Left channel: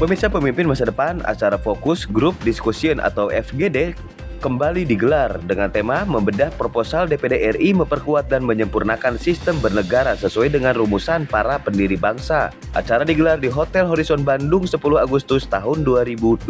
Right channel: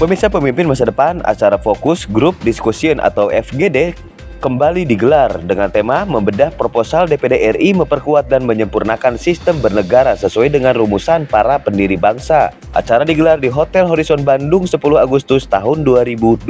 Pemirsa Pemimpin Masa Depan, acara Fokus Group Discussion atau FGD kembali digelar dengan tema membedah proposal DPD RI memperkuat dan menyempurnakan sistem bernegara sesuai dengan rumusan para pendiri bangsa. Acara digelar di Hotel Horizon Bandung 10 Agustus tahun 2023.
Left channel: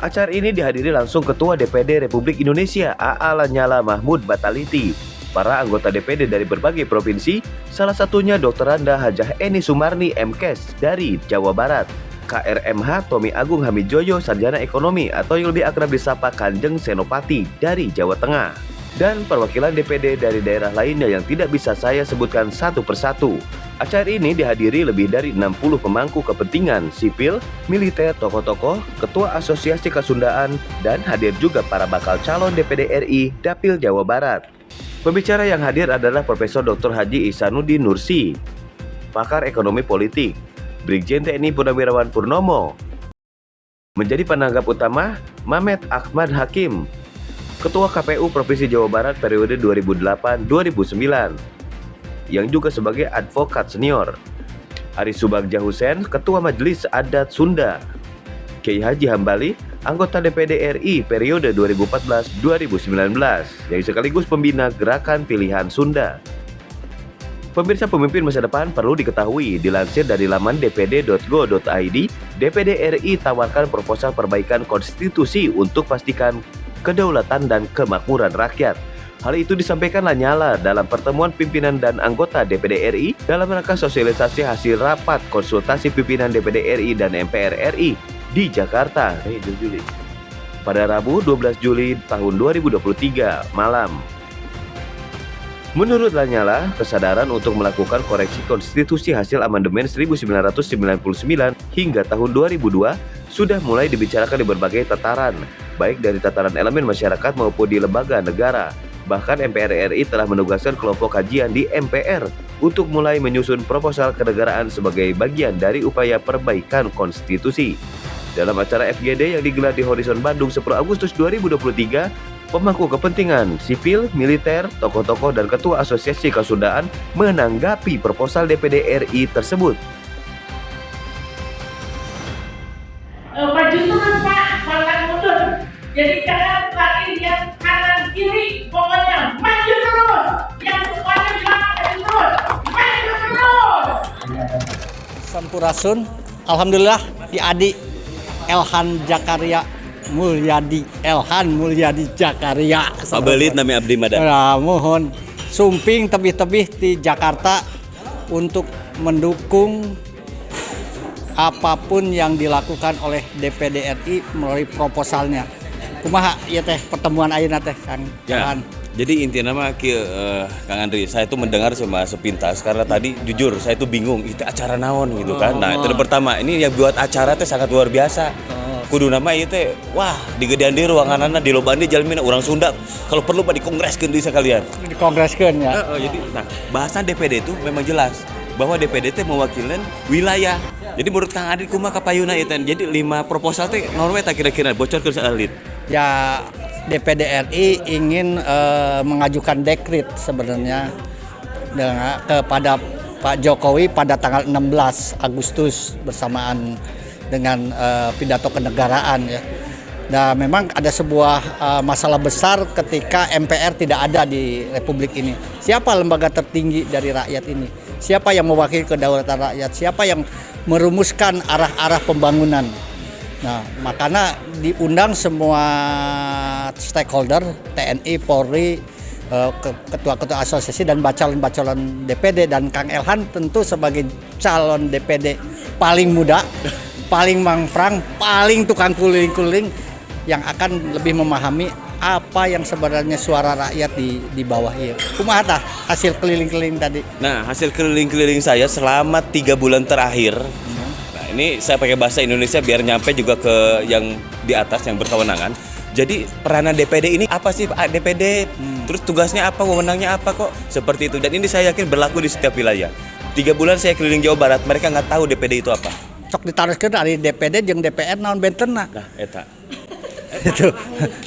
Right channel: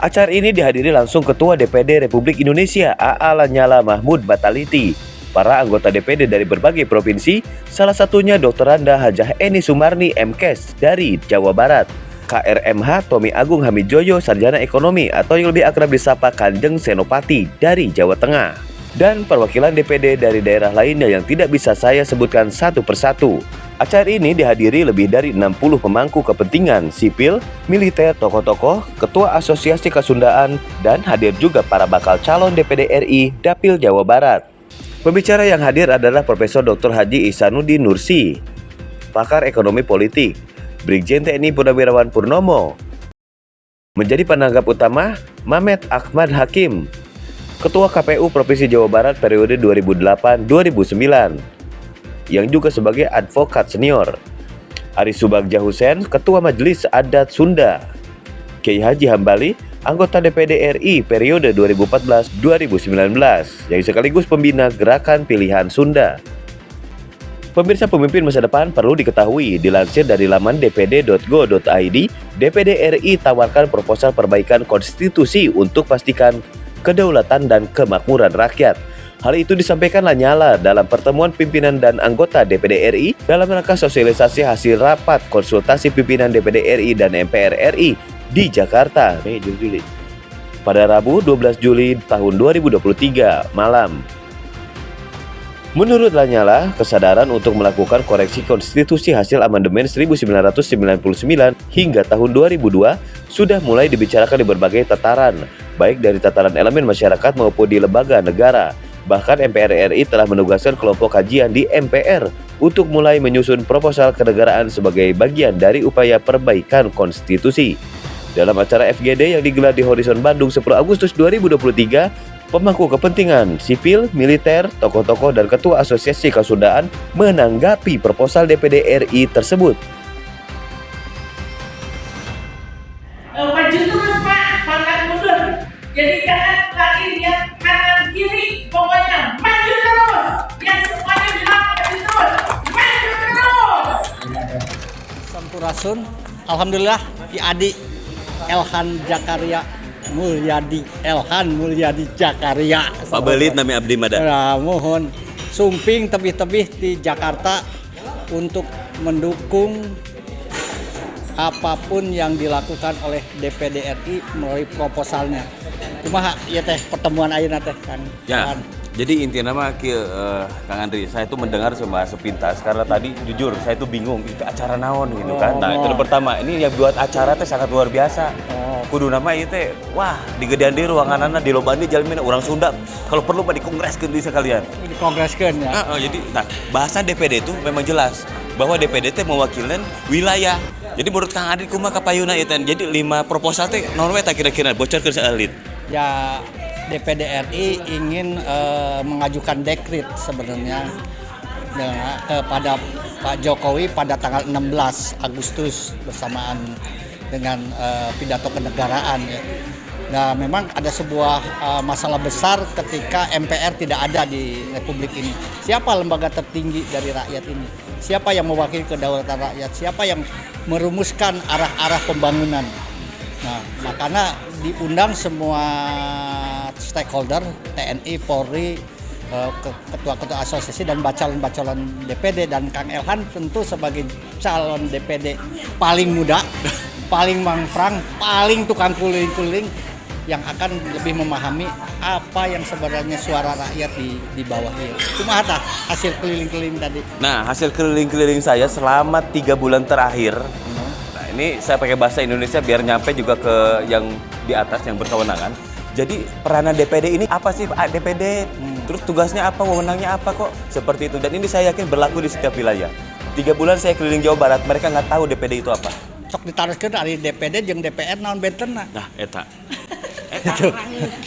Acara ini dihadiri langsung Ketua DPD Republik Indonesia AA Lanyala Mahmud Bataliti, para anggota DPD dari berbagai provinsi, salah satunya Dr. Randa Hajah Eni Sumarni MKes dari Jawa Barat, KRMH Tommy Agung Hamijoyo Sarjana Ekonomi atau yang lebih akrab disapa Kanjeng Senopati dari Jawa Tengah, dan perwakilan DPD dari daerah lainnya yang tidak bisa saya sebutkan satu persatu. Acara ini dihadiri lebih dari 60 pemangku kepentingan sipil, militer, tokoh-tokoh, ketua asosiasi Kesundaan, dan hadir juga para bakal calon DPD RI Dapil Jawa Barat. Pembicara yang hadir adalah Profesor Dr. Haji Ihsanuddin Nursi, pakar ekonomi politik, Brigjen TNI Purnawirawan Purnomo. Menjadi penanggap utama, Mamet Ahmad Hakim, Ketua KPU Provinsi Jawa Barat periode 2008-2009, yang juga sebagai advokat senior. Ari Subagja Hussein, Ketua Majelis Adat Sunda. Kiai Haji Hambali, anggota DPD RI periode 2014-2019, yang sekaligus pembina Gerakan Pilihan Sunda. Pemirsa Pemimpin Masa Depan, perlu diketahui, dilansir dari laman dpd.go.id, DPD RI tawarkan proposal perbaikan konstitusi untuk pastikan kedaulatan dan kemakmuran rakyat. Hal itu disampaikan Lanyala dalam pertemuan pimpinan dan anggota DPD RI dalam rangka sosialisasi hasil rapat konsultasi pimpinan DPD RI dan MPR RI di Jakarta, pada Rabu 12 Juli tahun 2023 malam. Menurut Lanyala, kesadaran untuk melakukan koreksi konstitusi hasil amandemen 1999 hingga tahun 2002 sudah mulai dibicarakan di berbagai tataran, baik dari tataran elemen masyarakat maupun di lembaga negara. Bahkan MPR RI telah menugaskan kelompok kajian di MPR untuk mulai menyusun proposal kenegaraan sebagai bagian dari upaya perbaikan konstitusi. Dalam acara FGD yang digelar di Horizon Bandung 10 Agustus 2023, pemangku kepentingan sipil, militer, tokoh-tokoh, dan ketua asosiasi Kesundaan menanggapi proposal DPD RI tersebut. Maju terus Pak, jangan mundur. Jadi jangan lagi lihat kanan kiri, pokoknya maju terus. Yang semuanya bilang maju terus, maju terus. Sampurasun, alhamdulillah Ki Adi Elhan Jakaria Mulyadi Elhan Mulyadi Jakaria. Pabelit nami abdi mada. Nah, mohon sumping tebih-tebih di Jakarta untuk mendukung apapun yang dilakukan oleh DPD RI melalui proposalnya. Kumaha ya teh pertemuan ayeuna teh Kang? Ya. Jadi intinya mah Kang Andri, saya itu mendengar cuma sepintas karena tadi jujur saya itu bingung itu acara naon gitu kan. Nah, itu pertama, ini yang buat acara teh sangat luar biasa. Kudu nama ieu teh wah digedean di ruanganana di lobaan di jalmin urang Sunda. Kalau perlu mah dikongreskeun deui sekalian. Dikongreskeun ya. Jadi bahasan DPD itu memang jelas bahwa DPD teh mewakilkan wilayah. Jadi menurut Kang Andri kumaha kapayuna ieu teh. Jadi 5 proposal teh naon we tah kira-kira bocorkeun saeulit. Ya DPD RI ingin mengajukan dekret sebenarnya kepada Pak Jokowi pada tanggal 16 Agustus bersamaan dengan pidato kenegaraan ya. Nah, memang ada sebuah masalah besar ketika MPR tidak ada di Republik ini. Siapa lembaga tertinggi dari rakyat ini? Siapa yang mewakili kedaulatan rakyat? Siapa yang merumuskan arah-arah pembangunan? Nah, makanya diundang semua stakeholder, TNI, Polri, ketua-ketua asosiasi dan calon-calon DPD, dan Kang Elhan tentu sebagai calon DPD paling muda, paling mangprang, paling tukang kuling-kuling yang akan lebih memahami apa yang sebenarnya suara rakyat di bawah ini. Kumaha tah hasil keliling-keliling tadi? Nah, hasil keliling-keliling saya selama 3 bulan terakhir. Nah, ini saya pakai bahasa Indonesia biar nyampe juga ke yang di atas yang berkewenangan. Jadi peranan DPD ini apa sih Pak DPD? Terus tugasnya apa, wewenangnya apa kok seperti itu. Dan ini saya yakin berlaku di setiap wilayah. 3 bulan saya keliling Jawa Barat, mereka nggak tahu DPD itu apa. Sok ditaruhkeun dari DPD jeung DPR naon bentenna. Nah, eta. Itu.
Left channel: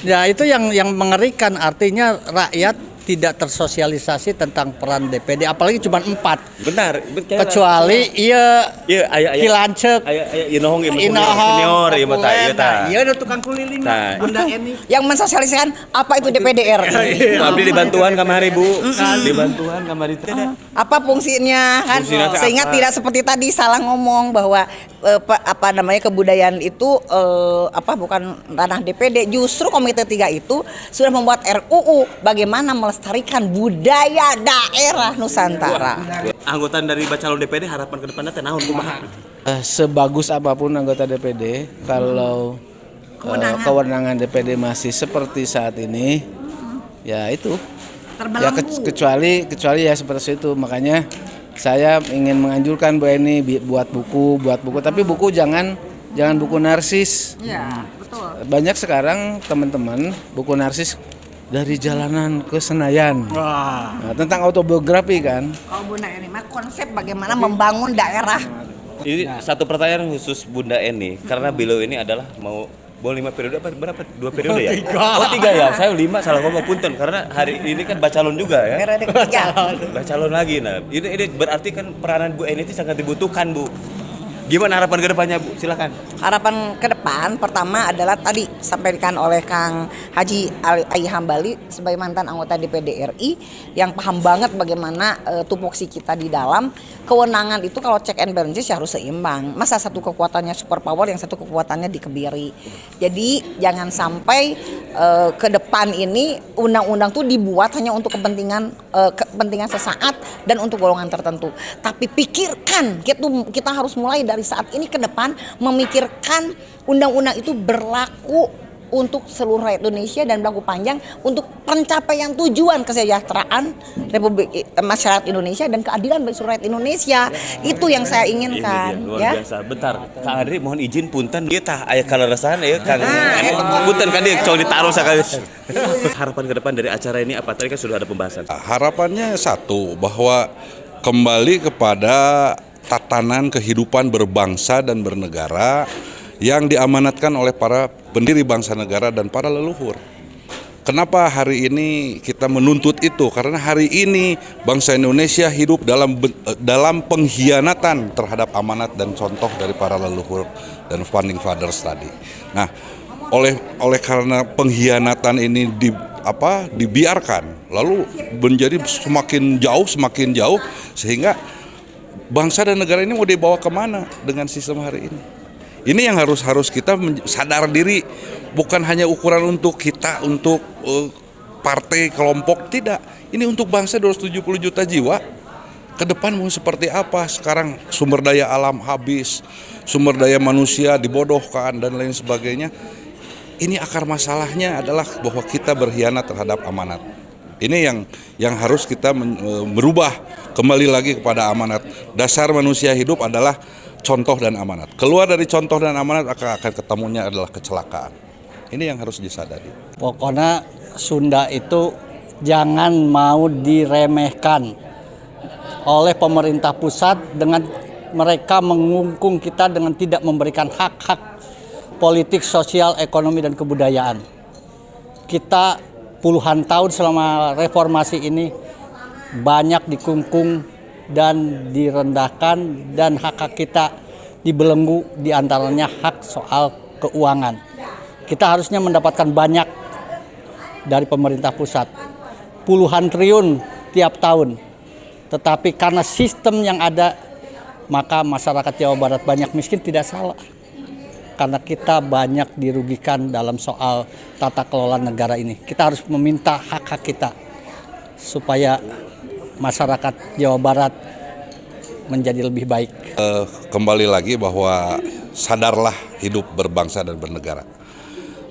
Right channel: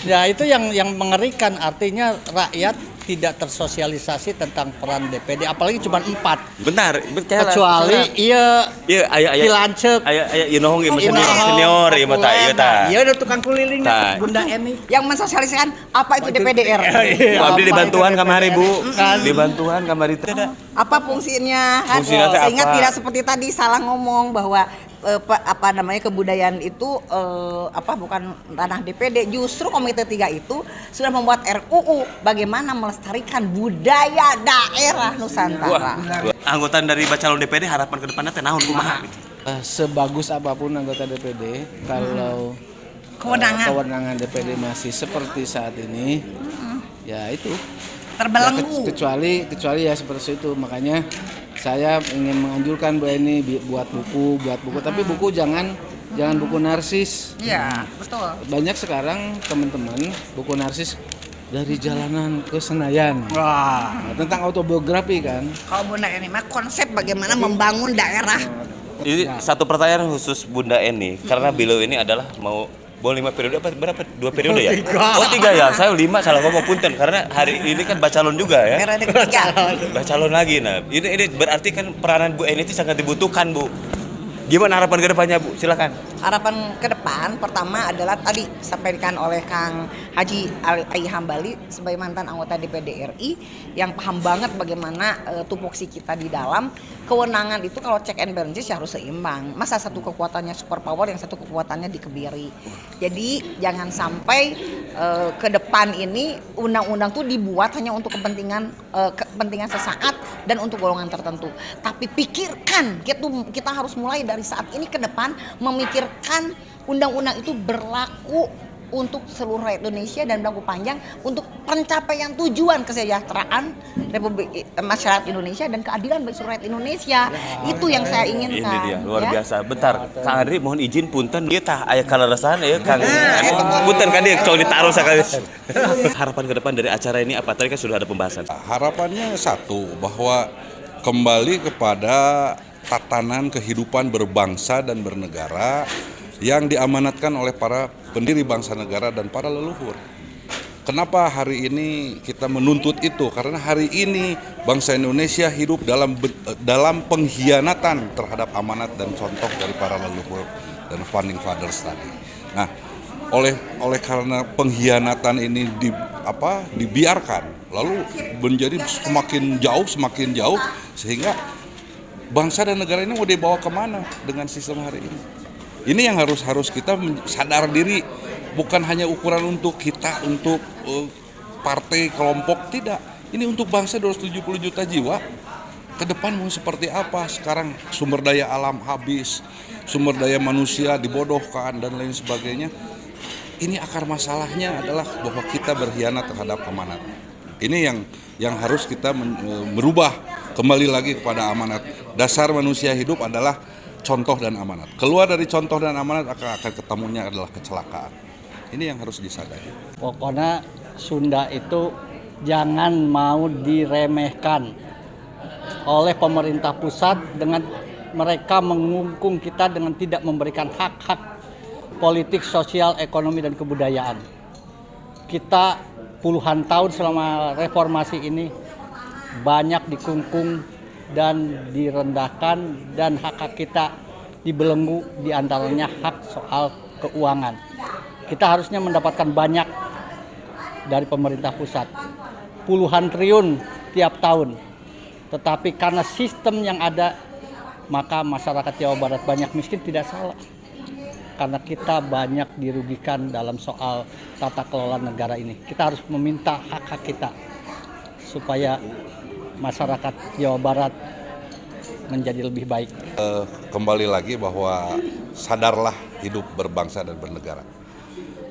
Ya itu yang mengerikan, artinya rakyat tidak tersosialisasi tentang peran DPD, apalagi cuma 4. Bentar, Kecuali iya aya Pilancek, ieu nohong ieu senior ieu mah ieu tah. Iya udah tukang keliling Tah. Bunda Eni. Yang mensosialisasikan apa itu DPDR. Abdi dibantuan kamari Bu. Dibantuan kamari teh. Apa fungsinya kan? Fungsinya teh Sehingga apa? tidak seperti tadi salah ngomong bahwa apa namanya kebudayaan itu bukan ranah DPD. Justru Komite 3 itu sudah membuat RUU bagaimana melestarikan budaya daerah Nusantara. Anggota dari bacalon DPD harapan ke depannya teh naon kumaha gitu. Sebagus apapun anggota DPD, kalau kewenangan DPD masih seperti saat ini, ya itu. Ya Terbelenggu. kecuali ya seperti itu. Makanya saya ingin menganjurkan Bu Eni buat buku, tapi buku jangan buku narsis. Iya, betul. Banyak sekarang teman-teman buku narsis dari jalanan ke Senayan. Wah. Nah, tentang autobiografi kan. Kalau Bunda Eni mah konsep bagaimana membangun daerah. Ini satu pertanyaan khusus Bunda Eni karena beliau ini adalah mau 5 periode apa berapa? 2 periode ya? Oh 3 ya. Saya 5 salah ngomong punten karena hari ini kan bacalon juga ya. Periode ketiga. Bacalon lagi. Nah, ini berarti kan peranan Bu Eni itu sangat dibutuhkan, Bu. Gimana harapan ke depannya, Bu? Silakan. Harapan ke depan pertama adalah tadi sampaikan oleh Kang Haji Ali Hambali sebagai mantan anggota DPD RI yang paham banget bagaimana tupoksi kita di dalam kewenangan itu kalau check and balances ya harus seimbang. Masa satu kekuatannya super power yang satu kekuatannya dikebiri. Jadi jangan sampai ke depan ini undang-undang tuh dibuat hanya untuk kepentingan sesaat dan untuk golongan tertentu. Tapi pikirkan kita harus mulai dari saat ini ke depan memikirkan undang-undang itu berlaku untuk seluruh rakyat Indonesia dan berlaku panjang untuk pencapaian tujuan kesejahteraan masyarakat Indonesia dan keadilan bagi seluruh rakyat Indonesia. Itu yang saya inginkan. Ini dia luar ya. biasa. Bentar, Kang Andri mohon izin punten ieu tah aya kalarasan ya Kang. Punten kan dia coba ditaruh sakali. Harapan ke depan dari acara ini apa? Tadi kan sudah ada pembahasan. Harapannya satu, bahwa kembali kepada tatanan kehidupan berbangsa dan bernegara yang diamanatkan oleh para pendiri bangsa negara dan para leluhur. Kenapa hari ini kita menuntut itu? Karena hari ini bangsa Indonesia hidup dalam pengkhianatan terhadap amanat dan contoh dari para leluhur dan founding fathers tadi. Nah, oleh karena pengkhianatan ini dibiarkan, lalu menjadi semakin jauh sehingga bangsa dan negara ini mau dibawa kemana dengan sistem hari ini? Ini yang harus kita sadar diri, bukan hanya ukuran untuk kita, untuk partai, kelompok, tidak. Ini untuk bangsa 270 juta jiwa. Ke depan mau seperti apa? Sekarang sumber daya alam habis, sumber daya manusia dibodohkan dan lain sebagainya. Ini akar masalahnya adalah bahwa kita berkhianat terhadap amanat. Ini yang harus kita merubah kembali lagi kepada amanat. Dasar manusia hidup adalah contoh dan amanat. Keluar dari contoh dan amanat akan ketemunya adalah kecelakaan. Ini yang harus disadari. Pokoknya Sunda itu jangan mau diremehkan oleh pemerintah pusat dengan mereka mengungkung kita dengan tidak memberikan hak-hak politik, sosial, ekonomi, dan kebudayaan. Kita puluhan tahun selama reformasi ini banyak dikungkung dan direndahkan dan hak-hak kita dibelenggu, diantaranya hak soal keuangan. Kita harusnya mendapatkan banyak dari pemerintah pusat, puluhan triliun tiap tahun. Tetapi karena sistem yang ada, maka masyarakat Jawa Barat banyak miskin, tidak salah. Karena kita banyak dirugikan dalam soal tata kelola negara ini. Kita harus meminta hak-hak kita supaya masyarakat Jawa Barat menjadi lebih baik. Kembali lagi bahwa sadarlah hidup berbangsa dan bernegara.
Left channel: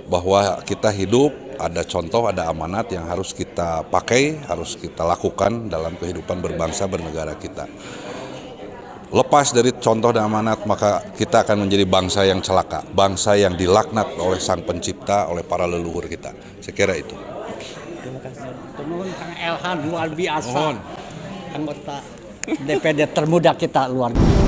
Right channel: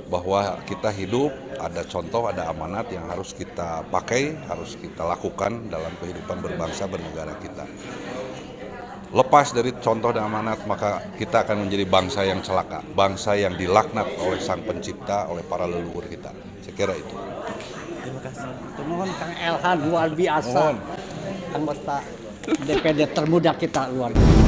Bahwa kita hidup, ada contoh, ada amanat yang harus kita pakai, harus kita lakukan dalam kehidupan berbangsa bernegara kita. Lepas dari contoh dan amanat, maka kita akan menjadi bangsa yang celaka, bangsa yang dilaknat oleh Sang Pencipta, oleh para leluhur kita. Saya kira itu. Terima kasih. Nuhun Kang Elhan, luar biasa. Anggota DPD termuda kita, luar biasa.